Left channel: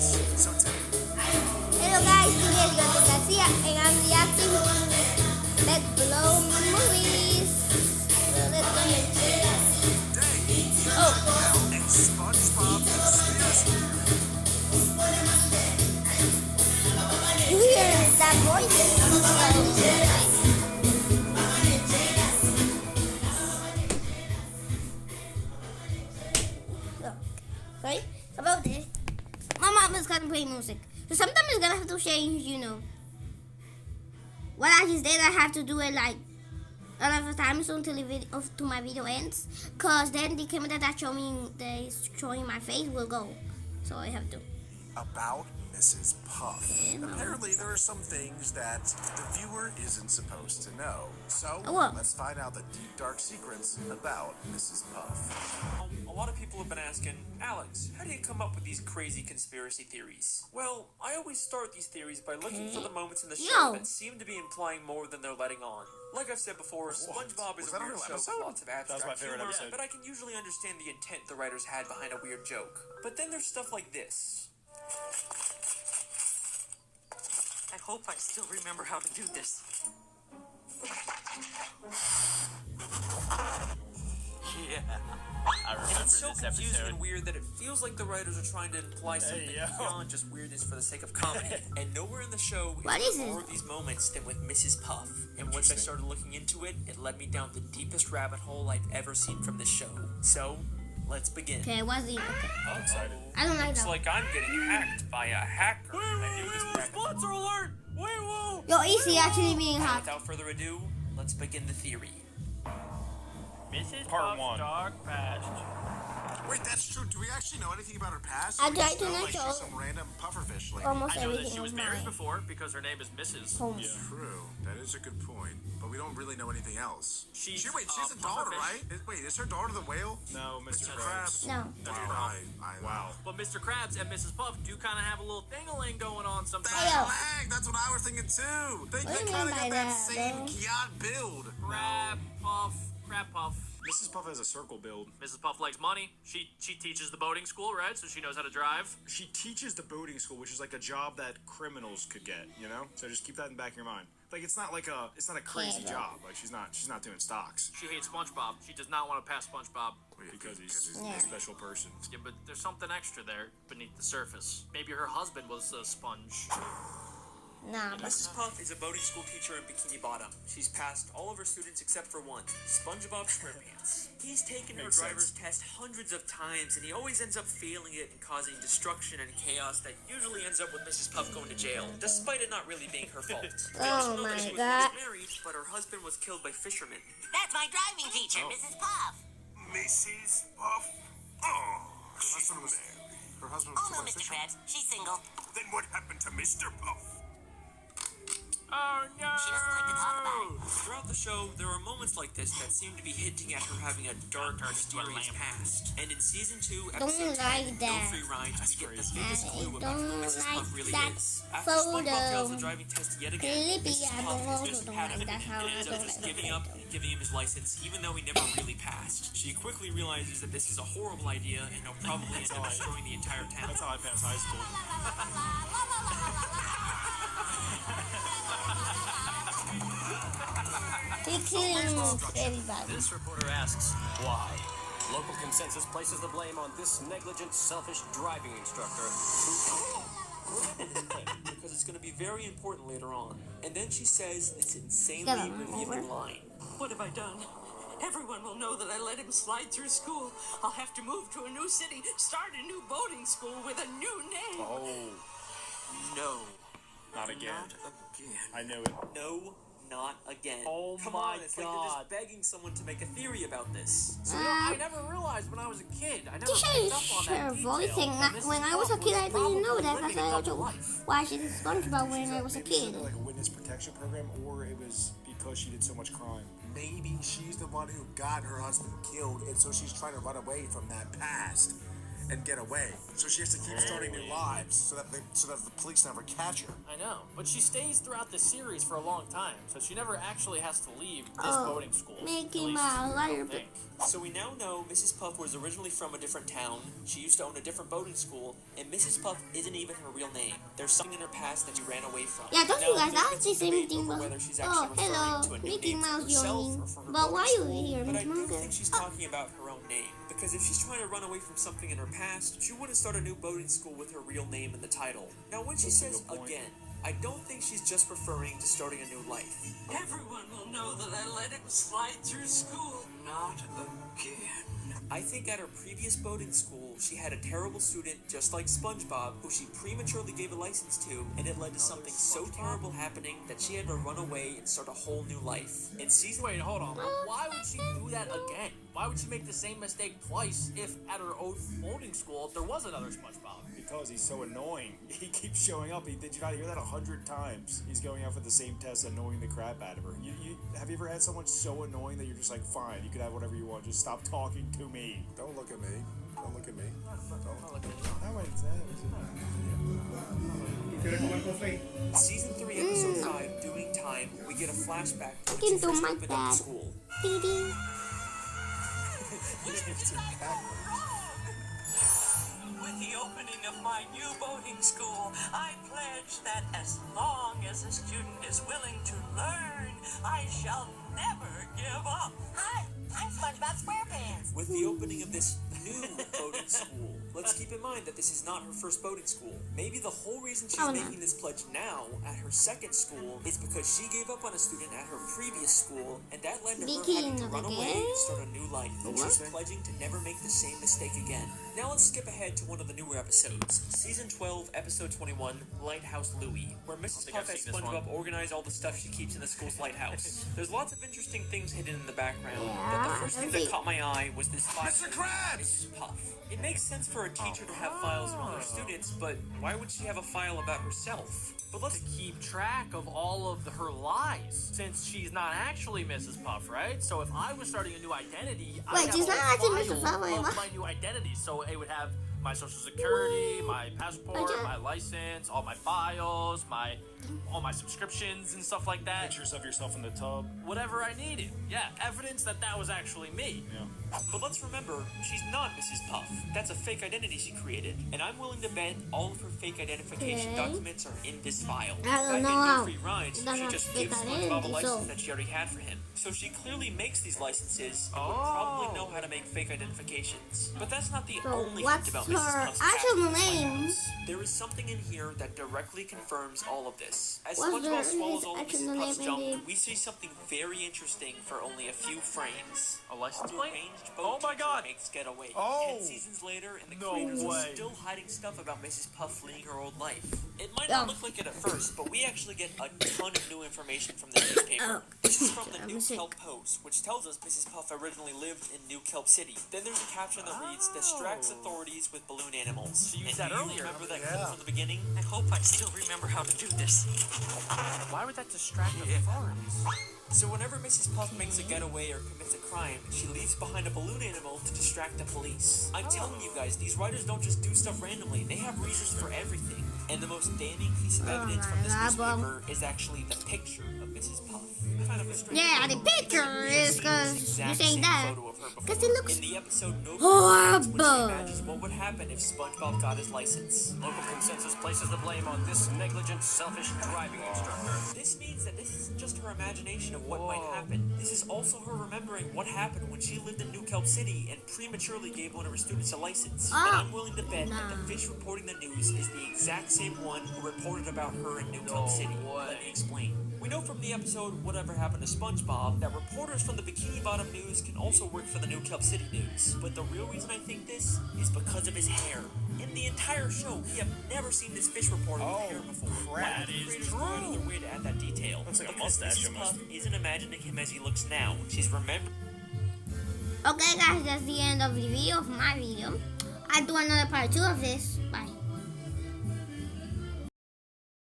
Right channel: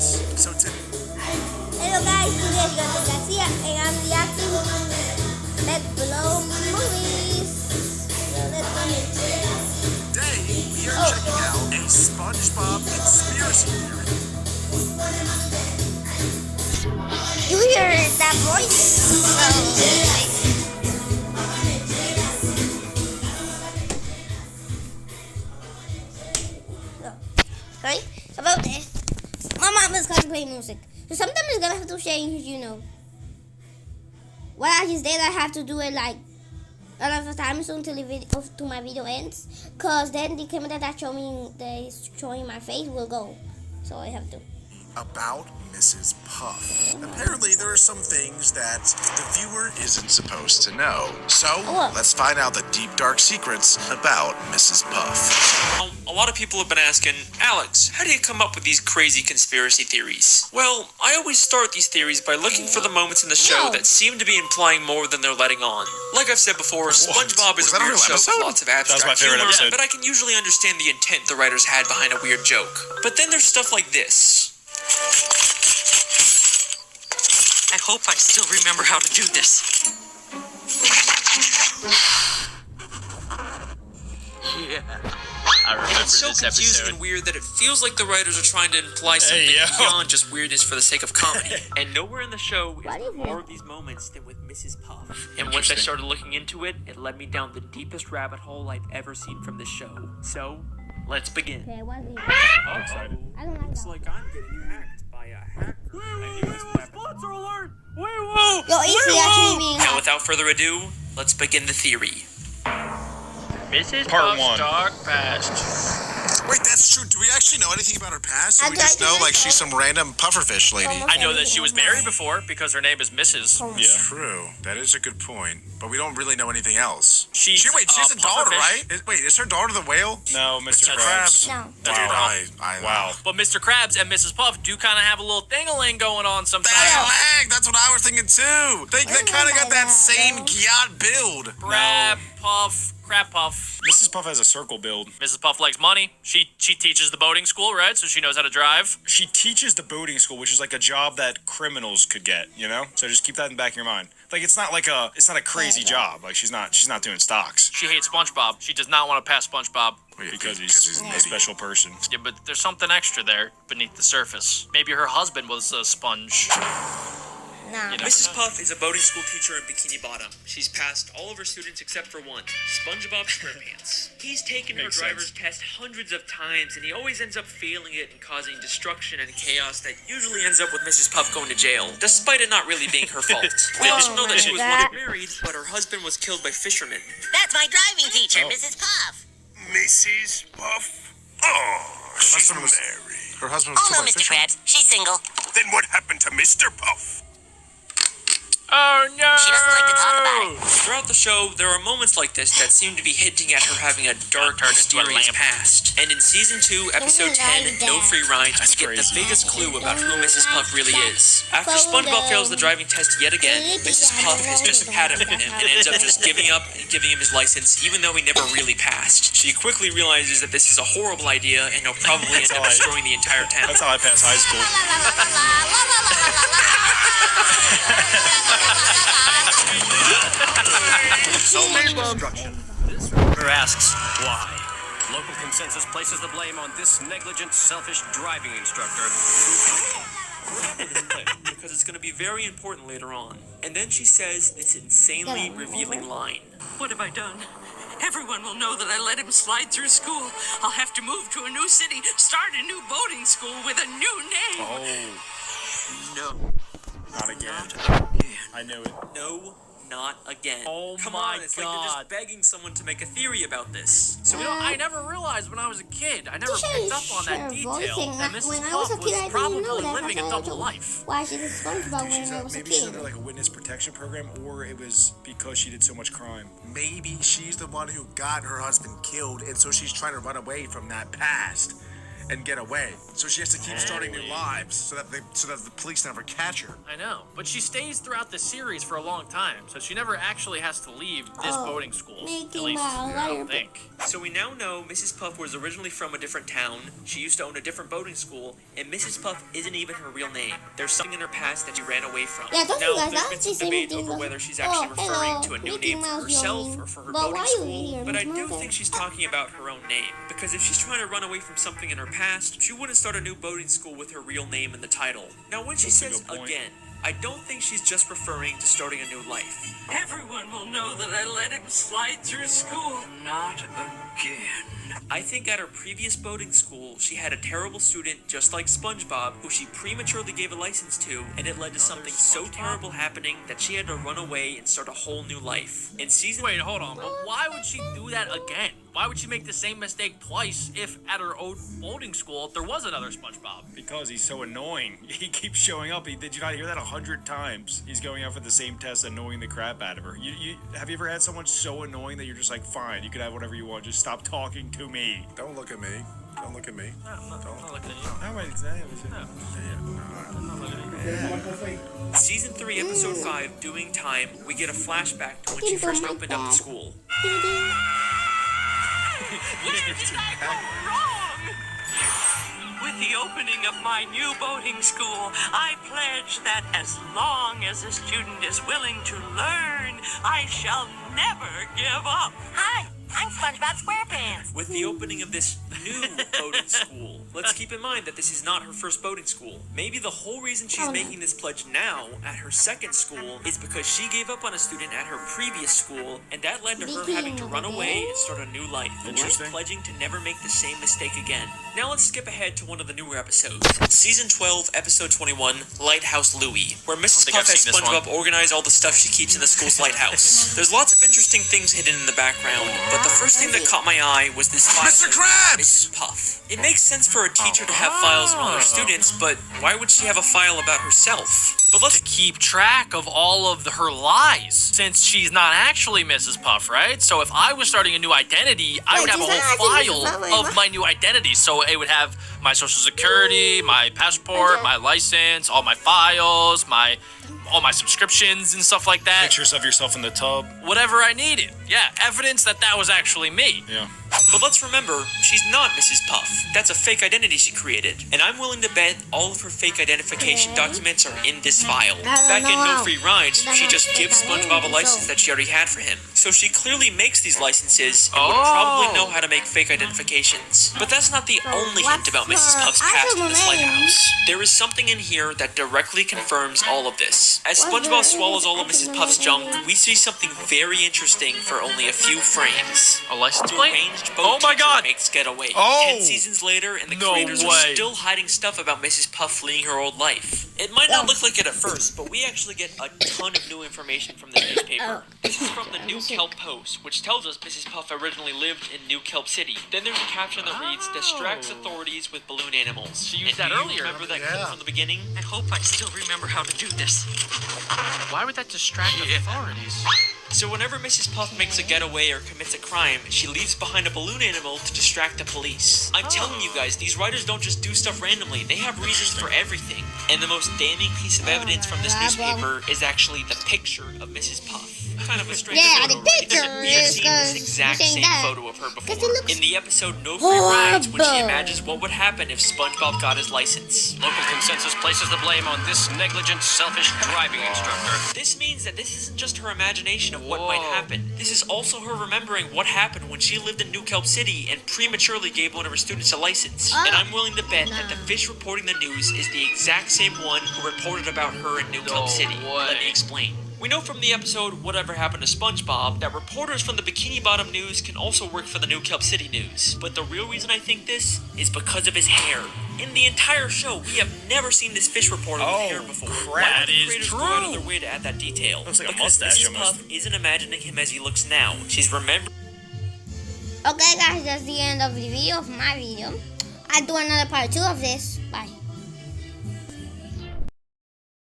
So typical. Hello guys, today is Gabriel Garcia and I'm reacting to beckbros movies. So let's go. Today, we are checking out a SpongeBob conspiracy theory. You hear that voice? Sorry about this. My mom is gonna play music, so sometimes it's gonna have to change. What I just did, I have to do it like a lot of times until the video, to my video ends, cause then the camera that is showing my face will go. So I have to. About Mrs. Puff. Apparently, there are some things that the viewer isn't supposed to know. So, let's find out the deep, dark secrets about Mrs. Puff. A lot of people have been asking, Alex, how do you come up with these crazy conspiracy theories? Well, I always start these theories by looking for the moments in the show that seem to be implying more than they're letting on. Like I've said before, SpongeBob is a weird show with lots of abstract humor, but I can usually understand the intent the writers had behind a weird joke. But then there's stuff like this. I hope I still remember how to do this. Yeah, I remember It's so this confusing episode. and weird that it feels like the writers are trying to imply something beyond just weirdness for the sake of comedy. And nowhere in the show is more of these moments than with Mrs. Puff. And once I started looking into it, it led me down the deepest rabbit hole I've ever seen from this show. So, let's begin. Okay, what's the? I'm excited. I don't like It's that. like I'm getting hacked by a hacker. Sponsor alert! Yo, Easy actually being Now, hacked. without further ado, let's begin the theory. Mrs. Part Puff's one. dark past. Wait, that's true. Do we actually know anything about her past? I'd We just like to know, like, know. she's some random pufferfish lady. Almost I know that everything she was on married mine. before because her name is Mrs. Oh. True. That is a good point. But we don't really know anything else. She's, She has a daughter, pufferfish. right? Wait, is her daughter the whale? No, Mr. Mr. Krabs. Krabs. No. Dude, Wow. But Mr. Krabs and Mrs. Puff do kind of have a little thing-a-ling going on sometimes. Dang, that's what I was thinking too. They kind of got that same yacht build. Crab Puff, Crab Puff. Mrs. Puff has a circle build. Mrs. Puff likes money. She teaches the boating school, right? So she knows how to drive. She teaches the boating school, which is like a job that criminals could get, you know? So just keep that in the back of your mind. Like it's not a crazy job. Like she's not doing stocks She hates SpongeBob. She does not want to pass SpongeBob. because he's a special person. Yeah, but there's something extra there beneath the surface. Maybe her husband was a sponge. Nah. Mrs. Puff is a boating school teacher in Bikini Bottom. She's passed all of her students except for one, SpongeBob SquarePants. He's taken her driver's test hundreds of times, and he always ends up failing it and causing destruction and chaos that usually ends up with Mrs. Puff going to jail, despite it not really being her fault. We also know that she was once married, but her husband was killed by fishermen. That's my driving teacher, Mrs. Puff. Mrs. Puff? Oh, she's married. Her husband was Oh no, killed by Mr. fishermen. Krabs. She's single. Then what happened to Mr. Puff? Oh no! She doesn't like to talk about it. Throughout the show, there are moments like this that seem to be hinting at her having a dark, mysterious past. And in Season 2, Episode 10, No Free Rides, we get the biggest clue about who Mrs. Puff really is. After SpongeBob fails the driving test yet again, Mrs. Puff has just had it in him and ends up just giving up and giving him his license, even though he never really passed. She quickly realizes that this is a horrible idea and he'll probably end up destroying the entire town. That's how I pass high school. This reporter asks why. Local consensus places the blame on this negligent, selfish driving instructor. Because it's going to be very important later on. And then she says this insanely revealing line. What have I done? Everyone will know that I let him slide through school. I'll have to move to a new city, start a new boating school with a new name. Oh, No. not again. I knew it. No, not again. Oh Come my on, it's like they're God. just begging someone to make a theory about this. So I never realized when I was a kid. I never picked up on that detail. voicing. that Mrs. When I was a Puff kid, I didn't know probably that. living That's a why I double told life. why she's a SpongeBob when I was a Maybe she's kid. under like a witness protection program, or it was because she did so much crime. Maybe she's the one who got her husband killed, and so she's trying to run away from that past. and get away. So she has to keep starting new lives so that the police never catch her. I know, but she stays throughout the series for a long time, so she never actually has to leave this boarding school. Mickey At least, Mouse, I don't think. So we now know Mrs. Puff was originally from a different town, she used to own a different boating school, and Mrs. Puff isn't even her real name. There's something in her past that she ran away from. Yeah, don't now, you guys there's like been to some say debate Mickey over Mouse? whether she's actually referring hello, to a new Mickey name for Mouse, herself yawning. or for her But boating why you school, here, but I Miss do Mocha? think she's talking about her own name, because if she's trying to run away from something in her past, she wouldn't start a new boating school with her real name in the title. Now when she That's a says good point. again, I don't think she's just referring to starting a new life. Everyone will know that I let him slide through school. Not again. I think at her previous boating school, she had a terrible student just like SpongeBob who she prematurely gave a license to, and it led to something so terrible happening that she had to run away and start a whole new life. In season Wait, hold on. Why would she do that again? Why would she make the same mistake twice if at her old boarding school there was another SpongeBob? Because he's so annoying. He keeps showing up. Did you not hear that 100 times? He's going out for the same test, annoying the crap out of her. Have you ever had someone so annoying that you're just like, fine, you can have whatever you want. Just stop talking to me. Don't look at me. Don't look at me. Not like that. How am I? Season 3, Episode 5, Doing Time, we get a flashback to when Looking she for first my opened up dad. the school. Dee-dee. With the opening of my new boating school, I pledge that as long as a student is willing to learn, I shall never give up. Hi, I'm SpongeBob SquarePants. With the opening of this new boating school, let's keep in mind that this is not her first boating school. Maybe the whole reason she's Oh, no. making this pledge now at her second school is because she gave up on a student at her previous school, and that led to her having to run away and start a new life. And she's Interesting. pledging to never make the same mistake again. Now let's skip ahead to one of the newer episodes. Season 12, Episode 21, Lighthouse Louie, where Mrs. think Puff I've has seen this SpongeBob organize all the stuff she keeps in the school's lighthouse. There's lots of interesting things hidden in the background, but the first thing that caught my eye was this file Mr. of Krabs! Mrs. Puff. It makes sense for a teacher to have files on all her students, but why would she have a file about herself? But let's To keep track of all of her lies, since she's not actually Mrs. Puff, right? So if I was starting a new identity, I Wait, would have a she's not whole actually Mrs. Puff, file wait, of what? my new identity. So it would have my social security, my passport, Okay. my license, all my files, all my subscriptions and stuff like that. Pictures of yourself in the tub. Whatever I needed. Yeah, evidence that was actually me. Yeah. But let's remember, she's not Mrs. Puff. That's a fake identity she created. And I'm willing to bet all of her fake identification Okay. documents are in this file. I don't Back know in No how. Free Rides, That's she not just fake gives SpongeBob a identity, license so- that she already had for him. So she clearly makes these licenses and would probably know how to make fake identifications. But that's not the only hint what's about Mrs. her Puff's past actual in this name? lighthouse. There is something in here that directly confirms all of this. As What's SpongeBob her swallows all of actual Mrs. Puff's name junk, here? we see something very interesting for only a few frames. A license The plate? arranged boat Oh my teacher God! makes Getaway. Oh! 10 seasons later, and the No creators are way. still hiding stuff about Mrs. Puff fleeing her old life. It might not Oh. look like it at first, but we actually get a ton of new information from this newspaper. This is from the New Kelp Post, which tells us Mrs. Puff originally lived in New Kelp City. Then there's a caption that reads, "Distracts authorities with balloon animals." She used And that do you earlier. remember that clip from the beginning? I hope I still remember how to do this. Why would that distract authorities? So whenever Mrs. Puff makes a getaway or commits a crime, she leaves behind a balloon animal to distract the police. I'm telling you guys, these writers don't just do stuff randomly. They have reasons for everything. And the most damning piece of evidence from this newspaper is actually the picture of Mrs. Puff. Kind of a strange Yeah, photo, the right? picture We have is seen 'cause this exact you're saying same that. photo of her 'Cause it before. looks In the episode No Free Rides, when she horrible. imagines what would happen if SpongeBob got his license. Local consensus places the blame on this negligent, selfish driving instructor. This means that this isn't just her imagination of what might happen. This is also her remembering what happened when she lived in New Kelp City and prematurely gave one of her students a license. And I'm willing to bet that the fish reporting the news is the exact same one who reported about her in New Kelp City. Let me explain. We know from the episode Whatever Happened to SpongeBob that reporters from the Bikini Bottom News can also work for the New Kelp City News. But the real reason I think this is because of his hair. In the entire show, we have never seen this fish reporter with hair before. Why crap. would the That is creators go out of their way to add that detail? Looks like a Because mustache Mrs. almost. Puff isn't imagining him as he looks now. She's remembering. Okay guys, that's the end of the video of my video. I'll do another part 2 of this. Bye.